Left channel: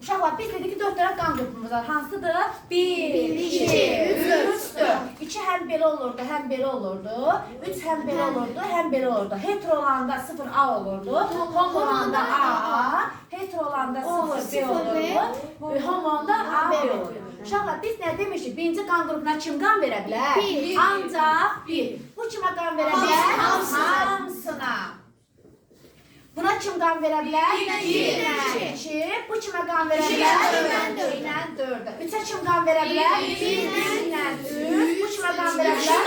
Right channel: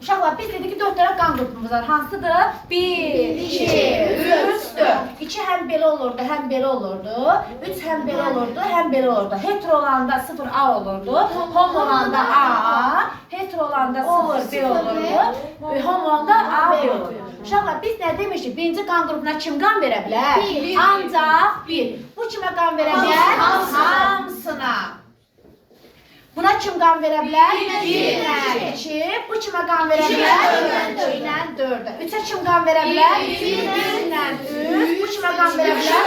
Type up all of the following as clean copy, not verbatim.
Uşaqlar, biz dedik ki 4 dənə qan qrupumuz var. Hansıdır? 1, 2, 3, 4. 2 həm belə olurdu, həm belə olurdu. 3 həm belə olurdu, həm belə olurdu. Hetero olanda 0A olurdu. Homo olanda AA. Hetero olanda 0B olurdu. Homo olanda AB olurdu. Uşaqlar, biz nə demişdik? Birinci qan qrupuna kim qan verə bilər? Ancaq 1. Bu kimə qan verə bilər? Hamısına. Buna kim qan verə bilər? 2. Bu kimə qan verə bilər? 2 ilə 4-ə. 3-ə kim qan verə bilər? 1 ilə 3. Bu kimə qan verə bilər?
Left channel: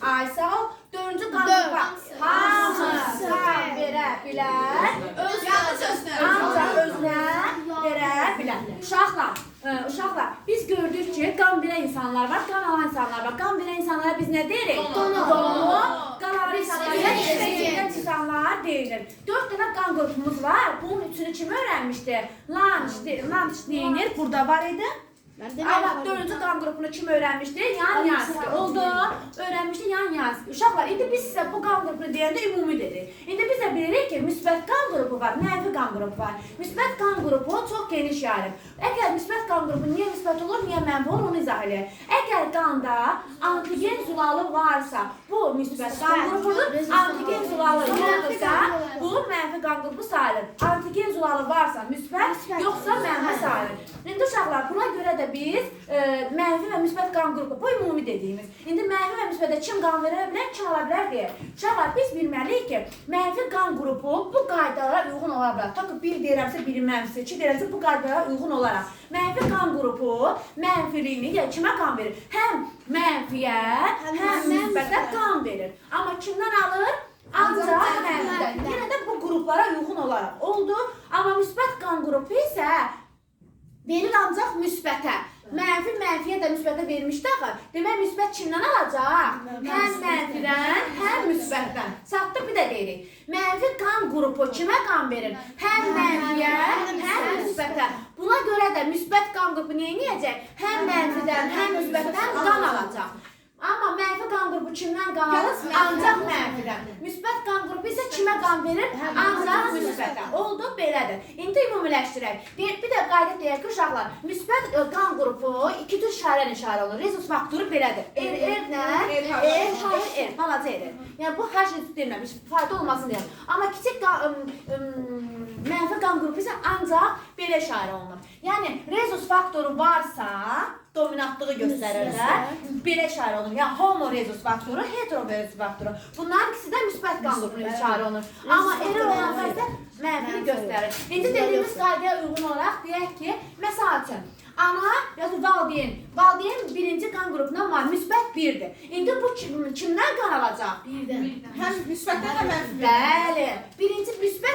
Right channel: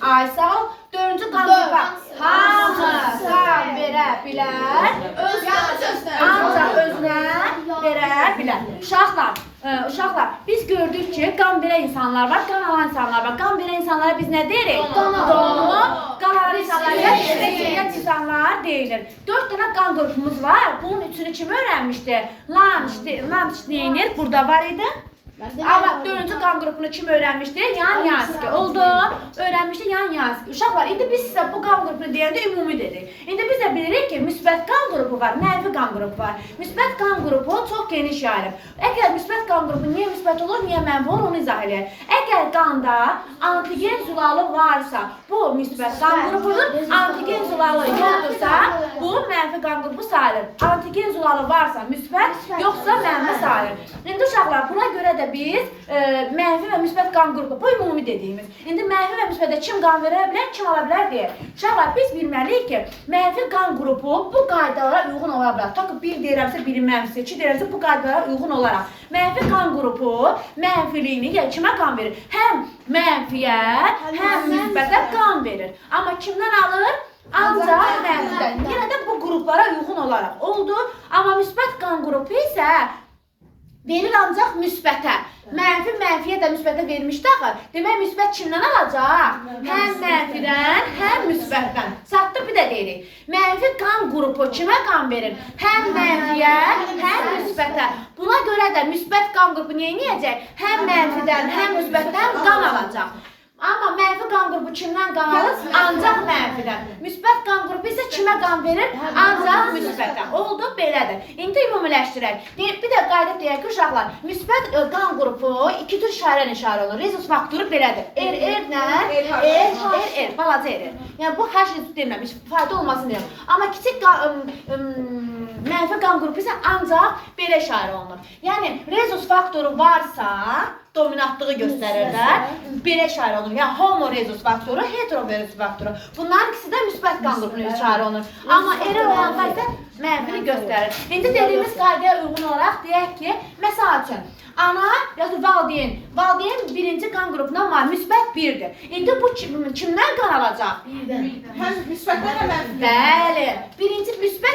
Ay, sağ ol. 4-cü qan qrupa hamı qan verə bilər. Ancaq özünə verə bilər. Uşaqlar, biz gördük ki, qan verə insanlar var, qan alan insanlar var. Qan verə insanlara biz nə deyirik? Donor. Qan alan insanlar deyilir. 4 dənə qan qrupumuz var. Bunun üçünü kim öyrənmişdi? Lanç neyinir? Burada var idi. Ama 4-cü qan qrupunu kim öyrənmişdi? Yan-Yanski. Oldu. Öyrənmişdi Yan-Yanski. Uşaqlar, indi biz sizə bu qan qrupunu deyəndə ümumi dedik. İndi biz də bilirik ki, müsbət qan qrupu var, mənfi qan qrupu var. Müsbət qan qrupu çox geniş yayılır. Əgər müsbət qan qrupu niyə müsbət olur, niyə mənfi olur, onu izah eləyək. Əgər qanda antigen zulalı varsa, bu müsbət qan qrupudur. Antigen zulalı yoxdursa, bu mənfi qan qrupu sayılır. Antigen zulalı varsa müsbət, yoxsa mənfi sayılır. İndi uşaqlar, buna görə də biz mənfi və müsbət qan qrupu, bu ümumi dediyimiz. İndi mənfi və müsbətə kim qan verə bilər, kim ala bilər deyə. Uşaqlar, biz bilməliyik ki, mənfi qan qrupu bu qaydalara uyğun ola bilər. Ta ki, 1 deyirəmsə, 1-in mənfisi, 2 deyirəmsə, bu qaydalara uyğun olaraq. Mənfi qan qrupu mənfiliyini kimə qan verir? Həm mənfiyə, həm müsbətə qan verir. Amma kimdən alır? Ancaq mənfidən. Yenə də bu qruplara uyğun olaraq oldu. Amma müsbət qan qrupu isə verir ancaq müsbətə. Mənfi mənfiyə də müsbətə vermişdi axı. Demək, müsbət kimdən alacaq? Həm mənfidən, həm müsbətdən. Satdıq, bir də deyirik. Mənfi qan qrupu kimə qan verir? Həm mənfiyə, həm müsbətə. Buna görə də müsbət qan qrupu neyəcək? Həm mənfidən, həm müsbətdən qan alacaq. Amma mənfi qan qrupu kimdən qan alır? Ancaq mənfidən. Müsbət qan qrupu isə kimə qan verir? Ancaq müsbətə. Oldu, belədir. İndi ümumiləşdirək. Bir də qayda deyək ki, uşaqlar, müsbət qan qrupu 2 tür işarə olur. Rezus faktoru belədir. R, balaca R. Yəni, bu hər şey deməmiş, fayda olmasın deyəm. Amma kiçik mənfi qan qrupu isə ancaq belə işarə olunur. Yəni, rezus faktoru varsa, dominantlığı göstərirlər. Belə işarə olunur. Yəni, homo rezus faktoru, hetero rezus faktoru. Bunların ikisi də müsbət qan qrupuna işarə olunur. Amma error olanda isə mənfini göstərir. İndi dediyimiz qaydaya uyğun olaraq deyək ki, məsəl üçün, ana ya da valideyn birinci qan qrupuna var, müsbət 1-dir. İndi bu kimdən qan alacaq? Həm müsbətdən, həm mənfidən. Bəli.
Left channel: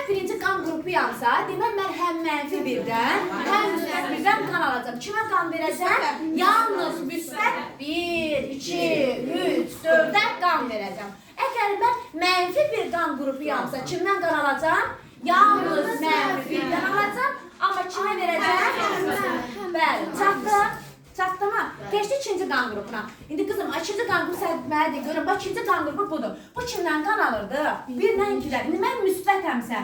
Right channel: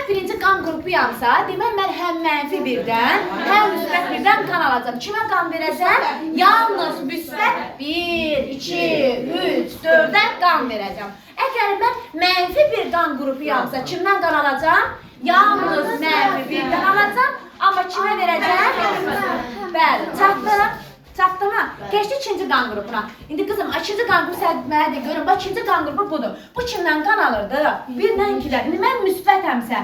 Birinci qan qrupuyamsa, demək mən həm mənfi 1-dən, həm müsbət 1-dən qan alacağam. Kimə qan verəcəm? Yalnız müsbət 1, 2, 3, 4-dən qan verəcəm. Əgər mən mənfi 1 qan qrupuyamsa, kimdən qan alacağam? Yalnız mənfi 1-dən alacağam. Amma kimə verəcəm? Bəli, çatdı mı? Keçdi ikinci qan qrupuna. İndi qızım, ikinci qan qrupu mənə deyil, görün, bax, ikinci qan qrupu budur. Bu kimdən qan alırdı? 1-dən 2-dən. İndi mən müsbətəmsə,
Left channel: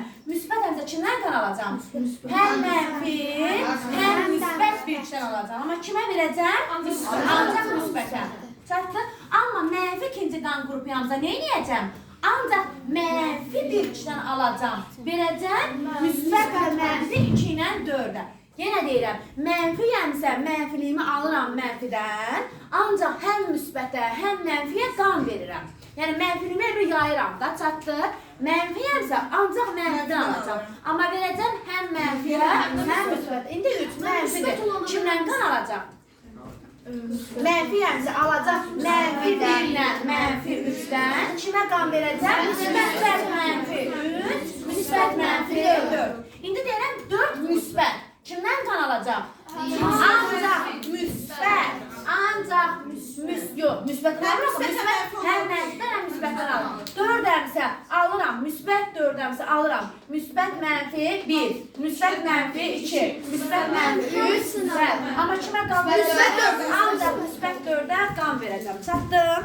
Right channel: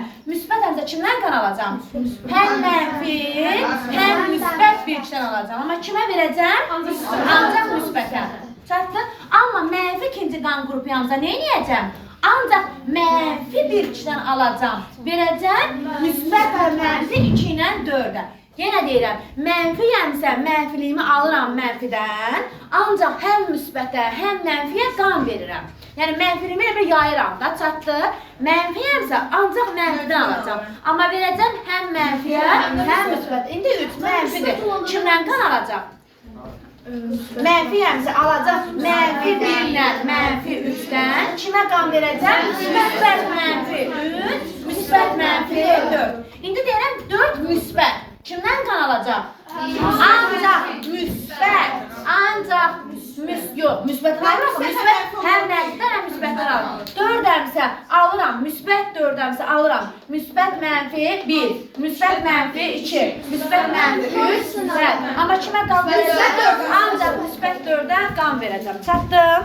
kimdən qan alacağam? Həm mənfi, həm müsbət 1-2-dən alacağam. Amma kimə verəcəm? Ancaq müsbətə. Çatdı? Amma mənfi ikinci qan qrupuyamsa nə edəcəm? Ancaq mənfi 1-2-dən alacağam. Verəcəm müsbət və mənfi 2-dən 4-ə. Yenə deyirəm, mənfiyəmsə mənfiliyimi alıram mənfidən, ancaq həm müsbətə, həm mənfiyə qan verirəm. Yəni, mənfiliyimi elə bir yayıram da, çatdı. Mənfiyəmsə ancaq mənfidən alacağam. Amma verəcəm həm mənfiyə, həm müsbətə. İndi 3 mənfidir. Kimdən qan alacaq? Mənfiyəmsə alacaq mənfi 1-dən, mənfi 3-dən. Kimə qan verəcəm? Müsbət mənfi 3, müsbət mənfi 4. İndi deyirəm 4 müsbət. Kimdən qan alacaq? Ancaq müsbət. Müsbətdən alırsa, müsbət həm mənfidən, həm müsbətdən alır. 4-əmsə alıram, müsbət 4-əmsə alıram. Müsbət mənfi 1, müsbət mənfi 2, müsbət mənfi 3, müsbət. Amma kimə qan verəcəm? Ancaq müsbət 4-dən qan verəcəm. Çatdım.